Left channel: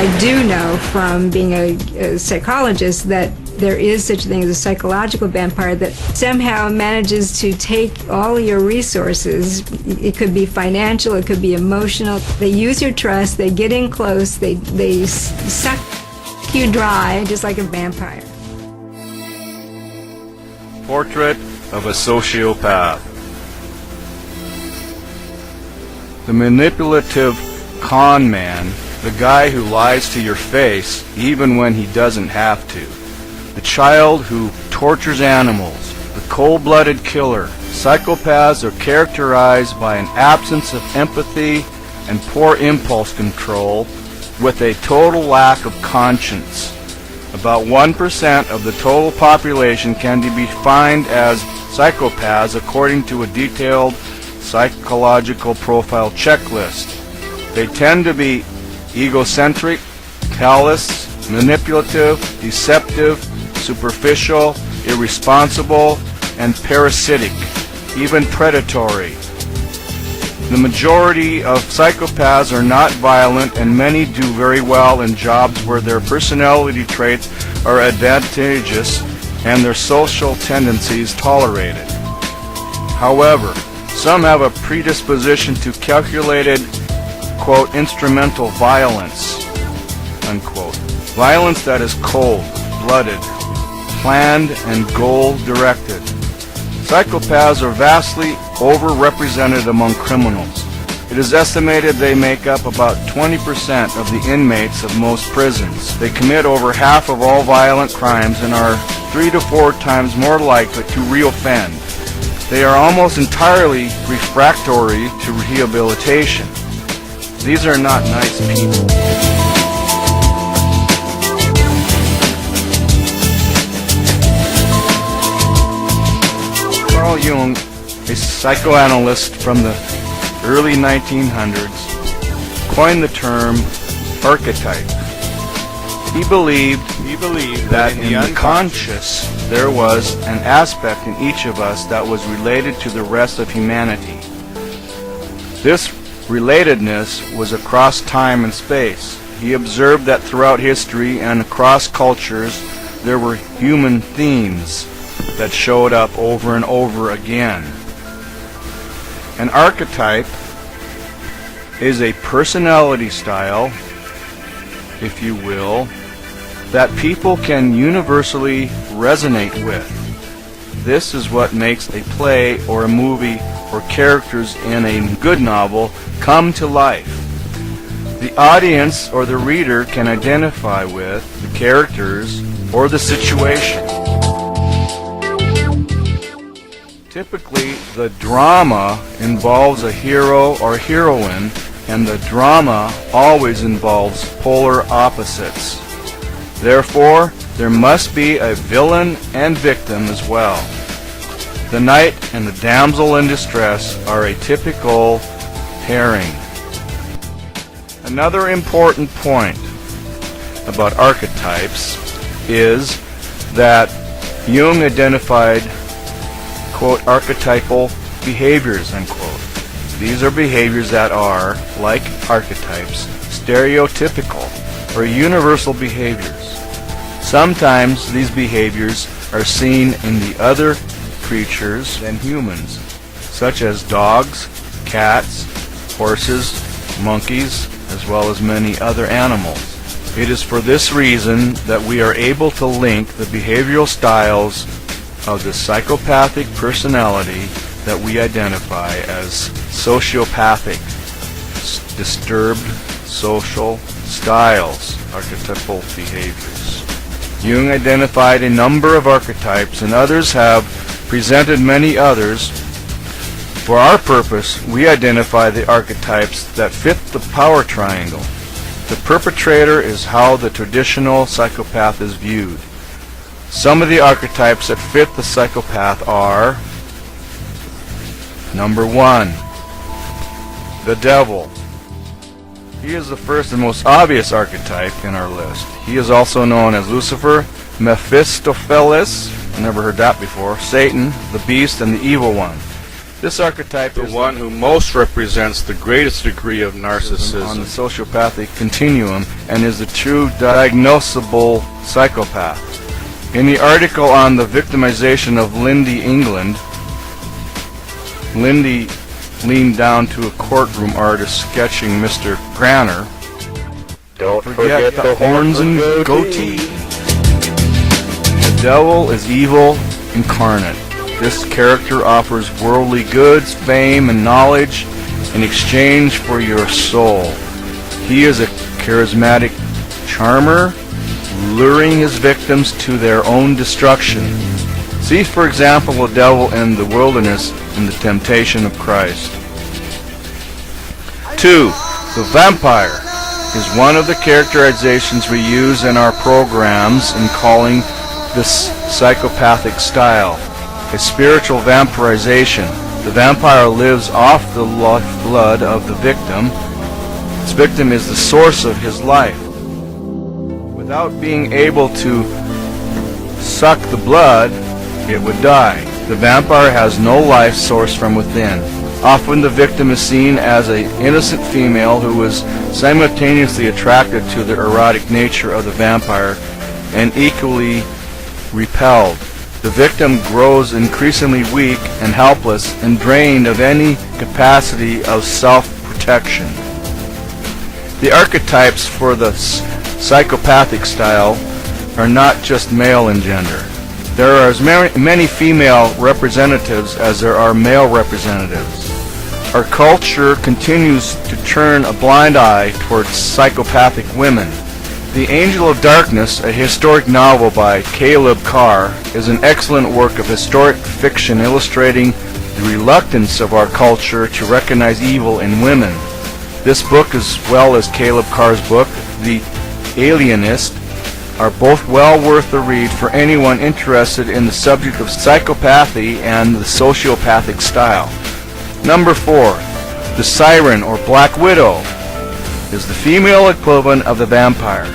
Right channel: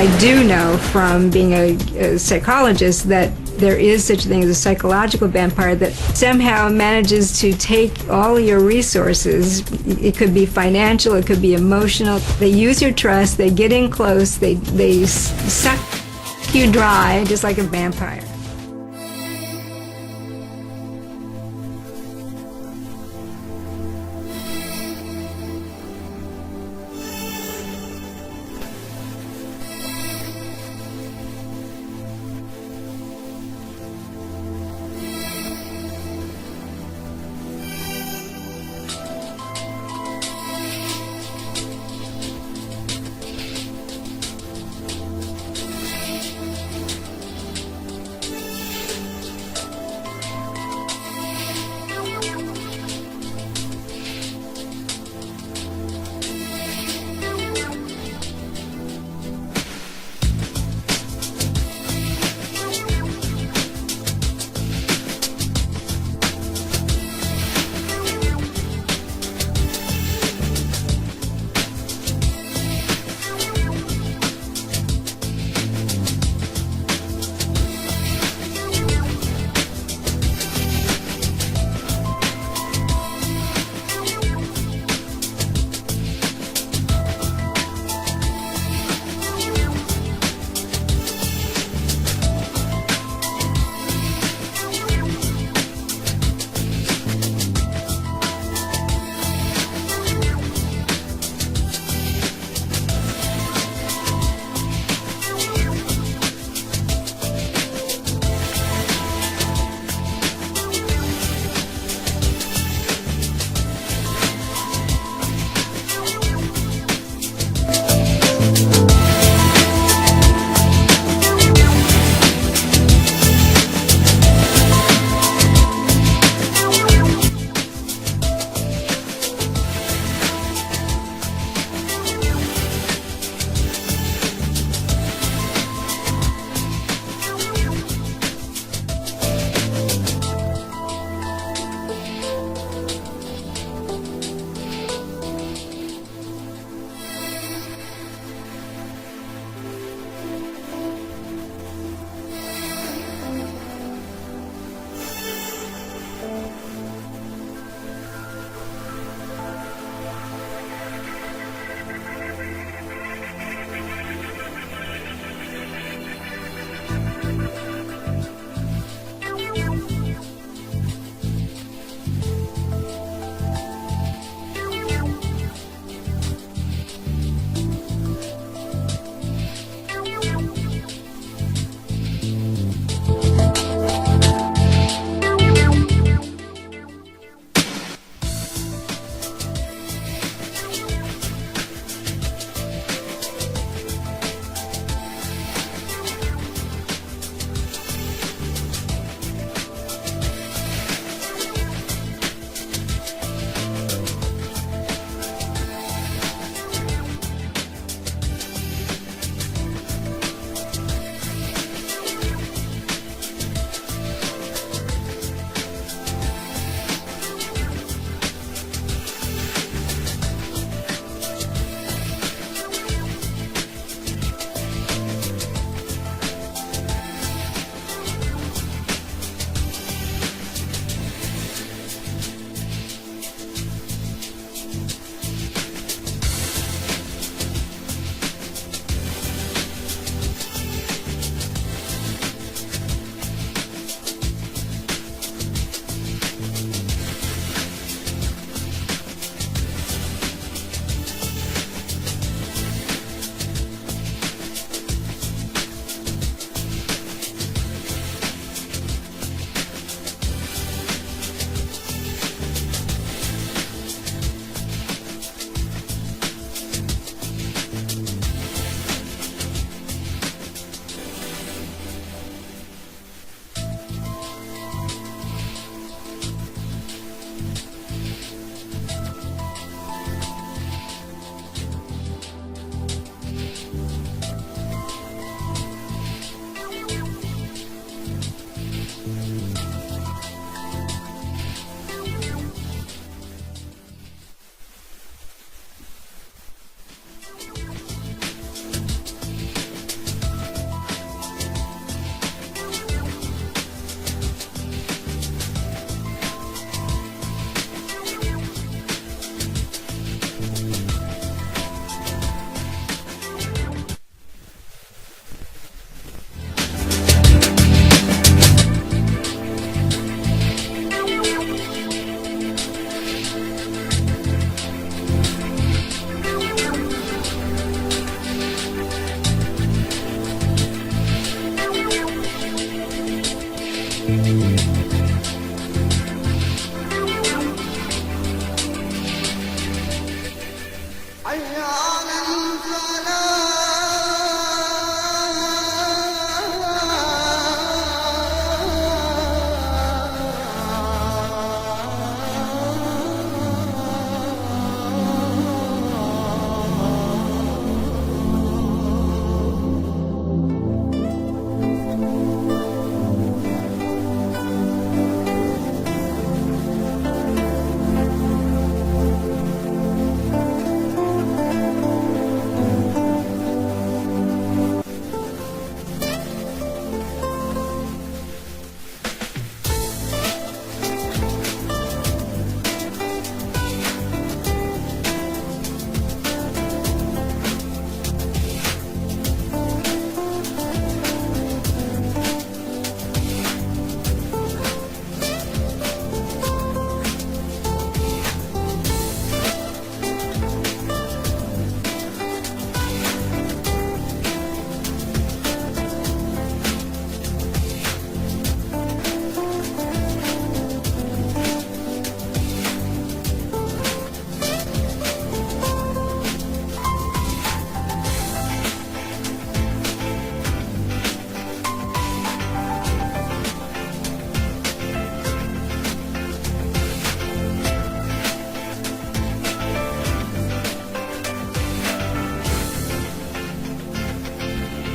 I do know from being a psychologist that there is such a thing as a psychological vampire that somehow manages to take all your resources. It could be financial, it could be emotional. They use your trust, they get in close, they suck you dry just like a vampire. Portrait of a sociopath. The manipulative con man, the guy who lies to your face even when he doesn't have to. The child who tortures animals, the cold-blooded killer. Psychopaths are characterized by an absence of empathy and poor impulse control with a total lack of conscience. About 1% of the total population can be defined as psychopaths according to a detailed psychological profile checklist. They tend to be egocentric, callous, manipulative, deceptive, superficial, irresponsible, and parasitic, even predatory. The majority of psychopaths are not violent, and many do very well in jobs where their personality traits are advantageous and their social tendencies tolerated. However, some have a predisposition to calculated, quote, instrumental violence, unquote. Violence that is cold-blooded, planned, and goal-directed. Psychopaths are vastly overrepresented among criminals. It is estimated they make up about 20% of the inmates of most prisons. They commit over half of all violent crimes and are 3 to 4 times more likely to reoffend. They are almost entirely refractory to rehabilitation. These are not nice people. Carl Jung, a psychoanalyst from the early 1900s, coined the term archetype. He believed that in the unconscious there was an aspect in each of us that was related to the rest of humanity. This relatedness was across time and space. He observed that throughout history and across cultures there were human themes that showed up over and over again. An archetype is a personality style, if you will, that people can universally resonate with. This is what makes a play or a movie or characters in a good novel come to life. The audience or the reader can identify with the characters or the situation. Typically, the drama involves a hero or heroine, and the drama always involves polar opposites. Therefore, there must be a villain and victim as well. The knight and the damsel in distress are a typical pairing. Another important point about archetypes is that Jung identified, quote, archetypal behaviors, unquote. These are behaviors that are, like archetypes, stereotypical or universal behaviors. Sometimes these behaviors are seen in the other creatures than humans, such as dogs, cats, horses, monkeys, as well as many other animals. It is for this reason that we are able to link the behavioral styles of the psychopathic personality that we identify as sociopathic, disturbed social styles, archetypal behaviors. Jung identified a number of archetypes, and others have presented many others. For our purpose, we identify the archetypes that fit the power triangle. The perpetrator is how the traditional psychopath is viewed. Some of the archetypes that fit the psychopath are: number 1, the devil. He is the first and most obvious archetype in our list. He is also known as Lucifer, Mephistopheles, I never heard that before, Satan, the beast, and the evil one. This archetype The is one who most represents the greatest degree of on narcissism. the sociopathic continuum and is the true diagnosable psychopath. In the article on the victimization of Lindy England, Lindy leaned down to a courtroom artist sketching Mr. Granner. Don't Forget the horns and goatee. The devil is evil incarnate. This character offers worldly goods, fame, and knowledge in exchange for your soul. He is a charismatic charmer, luring his victims to their own destruction. See, for example, the devil in the wilderness in the temptation of Christ. 2. The vampire is one of the characterizations we use in our programs in calling this psychopathic style. A spiritual vampirization. The vampire lives off the blood of the victim. This victim is the source of his life. Without being able to suck the blood, it would die. The vampire has no life source from within. Often the victim is seen as an innocent female who is simultaneously attracted to the erotic nature of the vampire and equally repelled. The victim grows increasingly weak and helpless and drained of any capacity of self-protection. The archetypes for the psychopathic style are not just male in gender. There are as many female representatives as there are male representatives. Our culture continues to turn a blind eye towards psychopathic women. The Angel of Darkness, a historic novel by Caleb Carr, is an excellent work of historic fiction illustrating the reluctance of our culture to recognize evil in women. This book, as well as Caleb Carr's book, The Alienist, are both well worth the read for anyone interested in the subject of psychopathy and the sociopathic style. Number 4. The Siren, or Black Widow, is the female equivalent of the vampire.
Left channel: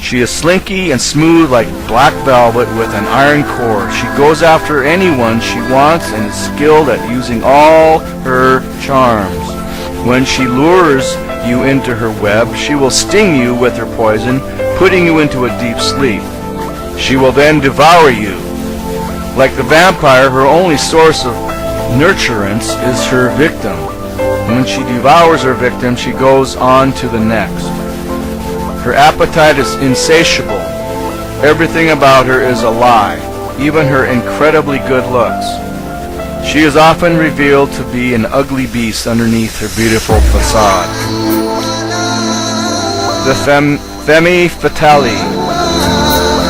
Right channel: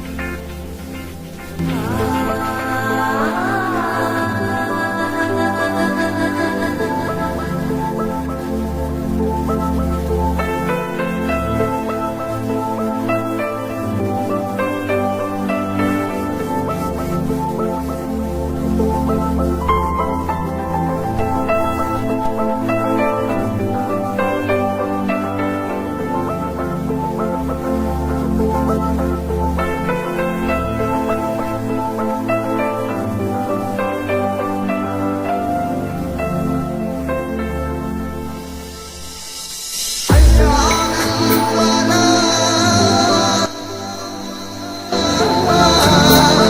She is slinky and smooth like black velvet with an iron core. She goes after anyone she wants and is skilled at using all her charms. When she lures you into her web, she will sting you with her poison, putting you into a deep sleep. She will then devour you. Like the vampire, her only source of nurturance is her victim. When she devours her victim, she goes on to the next. Her appetite is insatiable. Everything about her is a lie, even her incredibly good looks. She is often revealed to be an ugly beast underneath her beautiful facade. The femme fatale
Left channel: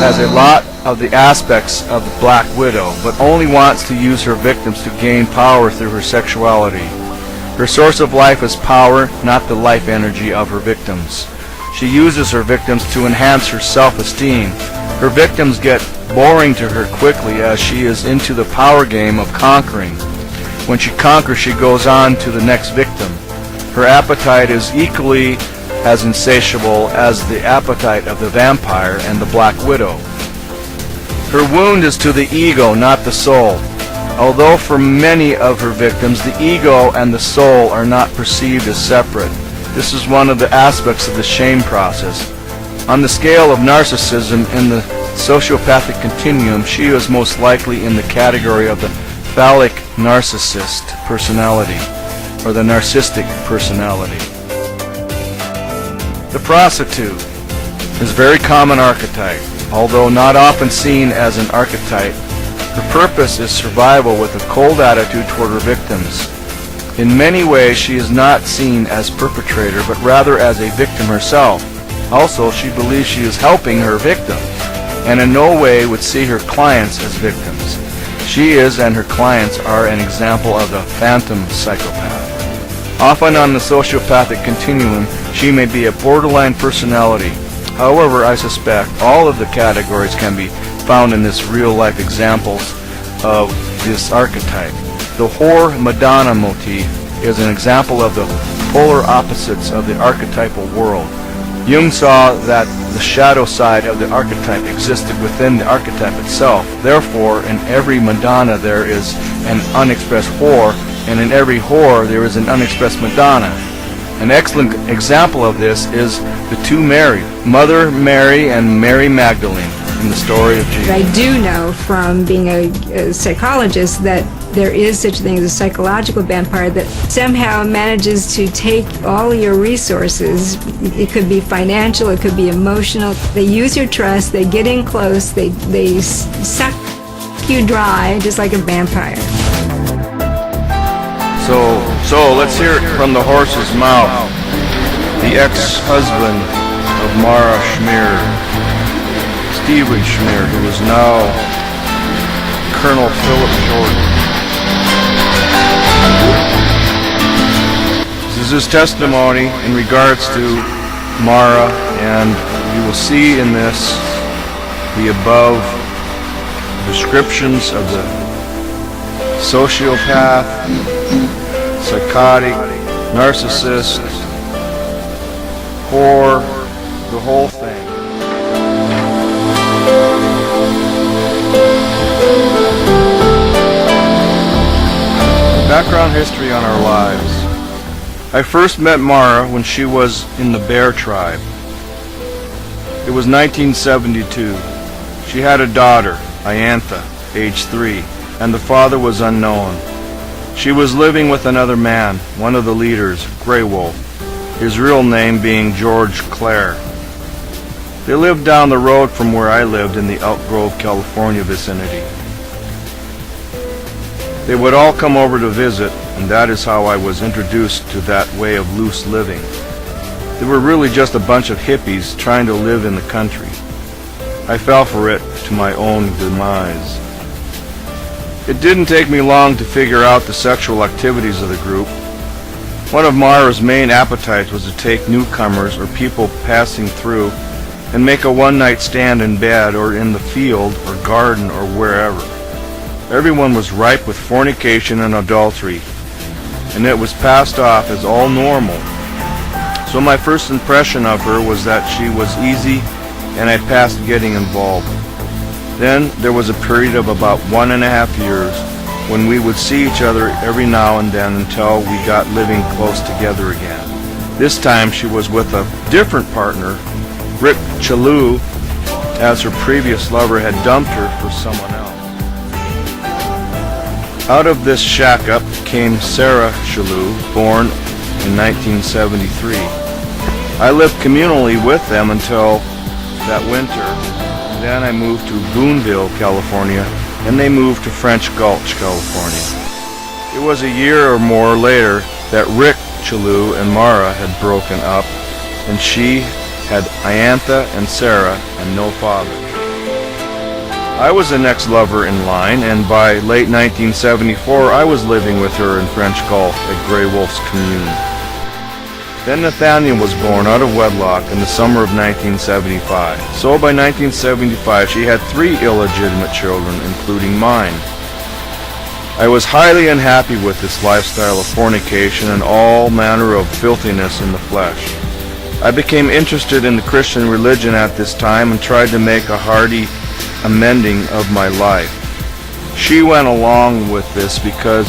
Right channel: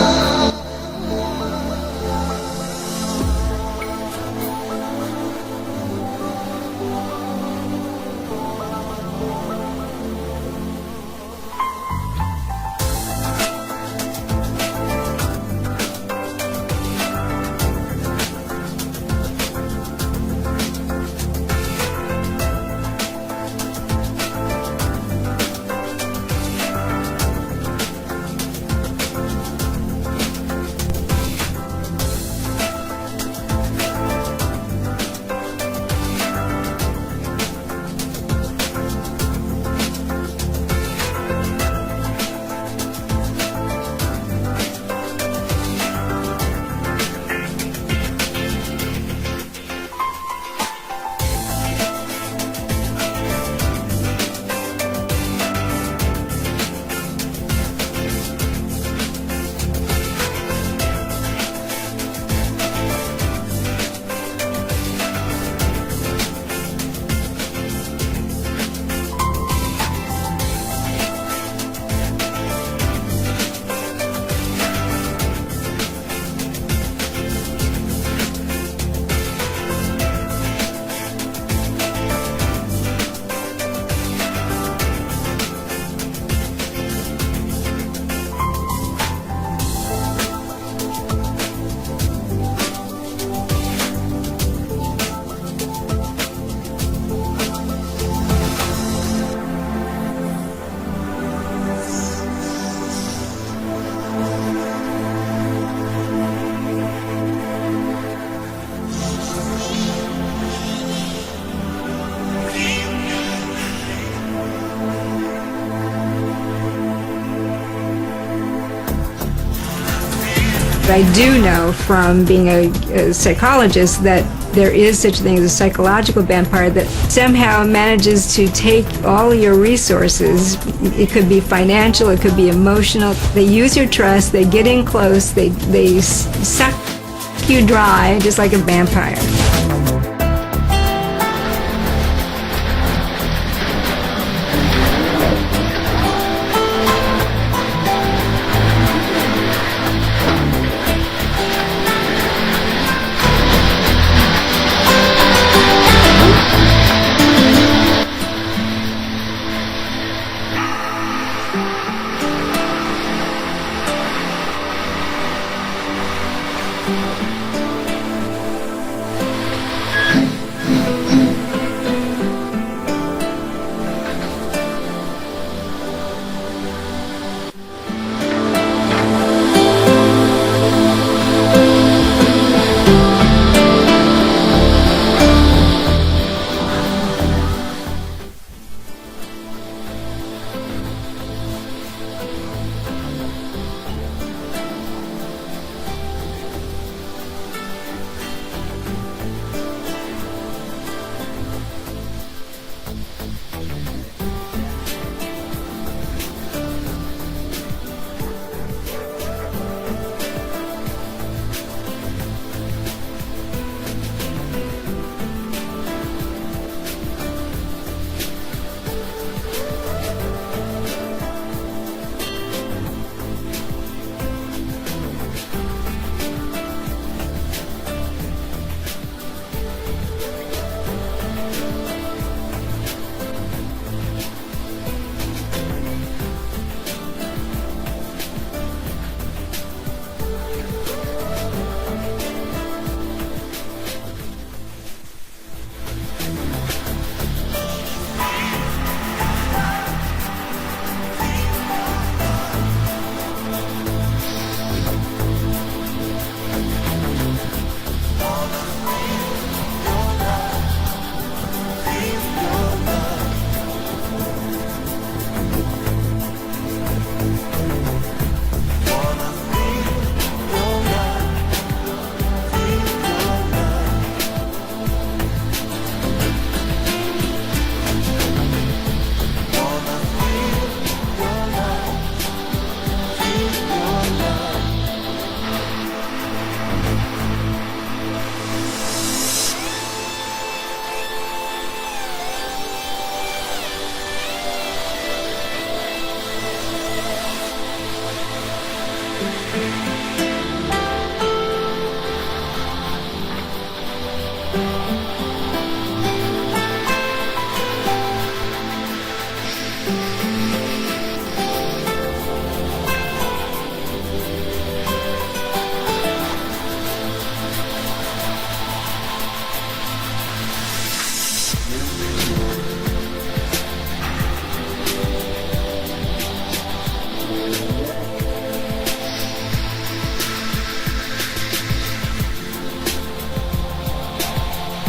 has a lot of the aspects of the Black Widow, but only wants to use her victims to gain power through her sexuality. Her source of life is power, not the life energy of her victims. She uses her victims to enhance her self-esteem. Her victims get boring to her quickly as she is into the power game of conquering. When she conquers, she goes on to the next victim. Her appetite is equally as insatiable as the appetite of the vampire and the Black Widow. Her wound is to the ego, not the soul. Although for many of her victims, the ego and the soul are not perceived as separate. This is one of the aspects of the shame process. On the scale of narcissism in the sociopathic continuum, she is most likely in the category of the phallic narcissist personality, or the narcissistic personality. The prostitute is a very common archetype. Although not often seen as an archetype, the purpose is survival with a cold attitude toward her victims. In many ways, she is not seen as perpetrator, but rather as a victim herself. Also, she believes she is helping her victim, and in no way would see her clients as victims. She is, and her clients are, an example of the phantom psychopath. Often on the sociopathic continuum, she may be a borderline personality. However, I suspect all of the categories can be found in this real-life examples of this archetype. The whore Madonna motif is an example of the polar opposites of the archetypal world. Jung saw that the shadow side of the archetype existed within the archetype itself. Therefore, in every Madonna there is an unexpressed whore, and in every whore there is an unexpressed Madonna. An excellent example of this is the two Mary, Mother Mary and Mary Magdalene, in the story of Jesus. I do know from being a psychologist that there is such a thing as a psychological vampire that somehow manages to take all your resources. It could be financial, it could be emotional. They use your trust, they get in close, they suck you dry just like a vampire. So let's hear it from the horse's mouth. The ex-husband of Mara Schmier, Stephen Schmier, who is now Colonel Philip Ford. This is his testimony in regards to Mara, and we will see in this the above descriptions of the sociopath, psychotic, narcissist, whore, the whole thing. Background history on our lives. I first met Mara when she was in the Bear tribe. It was 1972. She had a daughter, Iantha, age 3, and the father was unknown. She was living with another man, one of the leaders, Grey Wolf, his real name being George Clare. They lived down the road from where I lived in the Elk Grove, California vicinity. They would all come over to visit, and that is how I was introduced to that way of loose living. They were really just a bunch of hippies trying to live in the country. I fell for it to my own demise. It didn't take me long to figure out the sexual activities of the group. One of Mara's main appetites was to take newcomers or people passing through and make a one-night stand in bed or in the field or garden or wherever. Everyone was ripe with fornication and adultery, and it was passed off as all normal. So my first impression of her was that she was easy, and I passed getting involved. Then there was a period of about 1.5 years when we would see each other every now and then until we got living close together again. This time she was with a different partner, Rick Chalou, as her previous lover had dumped her for someone else. Out of this shack-up came Sarah Chalou, born in 1973. I lived communally with them until that winter. Then I moved to Boonville, California, and they moved to French Gulch, California. It was a year or more later that Rick Chalou and Mara had broken up, and she had Iantha and Sarah and no father. I was the next lover in line, and by late 1974 I was living with her in French Gulch at Grey Wolf's commune. Then Nathaniel was born out of wedlock in the summer of 1975. So by 1975 she had 3 illegitimate children, including mine. I was highly unhappy with this lifestyle of fornication and all manner of filthiness in the flesh. I became interested in the Christian religion at this time and tried to make a hearty amending of my life. She went along with this because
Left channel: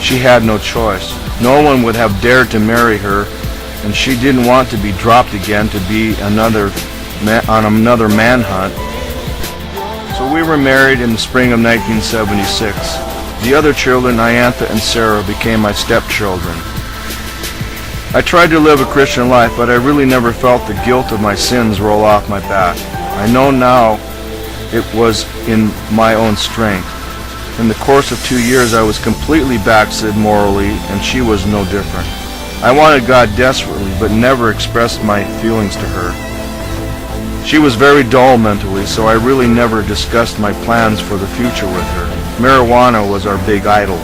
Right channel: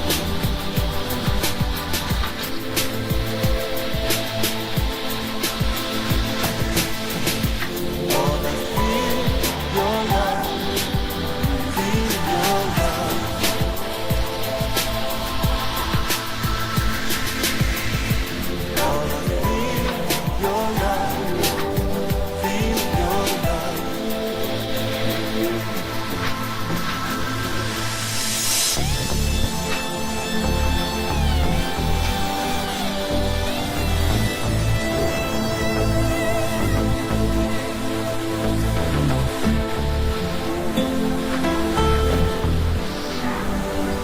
she had no choice. No one would have dared to marry her, and she didn't want to be dropped again to be on another manhunt. So we were married in the spring of 1976. The other children, Iantha and Sarah, became my stepchildren. I tried to live a Christian life, but I really never felt the guilt of my sins roll off my back. I know now it was in my own strength. In the course of 2 years, I was completely backslid morally, and she was no different. I wanted God desperately, but never expressed my feelings to her. She was very dull mentally, so I really never discussed my plans for the future with her. Marijuana was our big idol.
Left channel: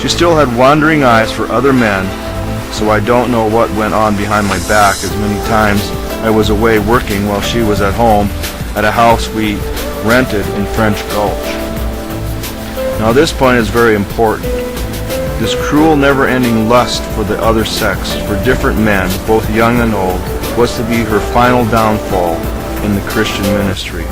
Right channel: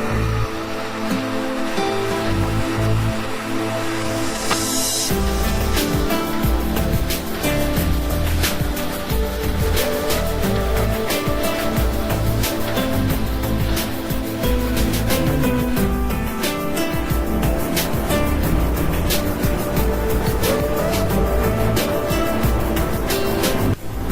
She still had wandering eyes for other men, so I don't know what went on behind my back, as many times I was away working while she was at home at a house we rented in French Gulch. Now this point is very important. This cruel, never-ending lust for the other sex, for different men, both young and old, was to be her final downfall in the Christian ministry.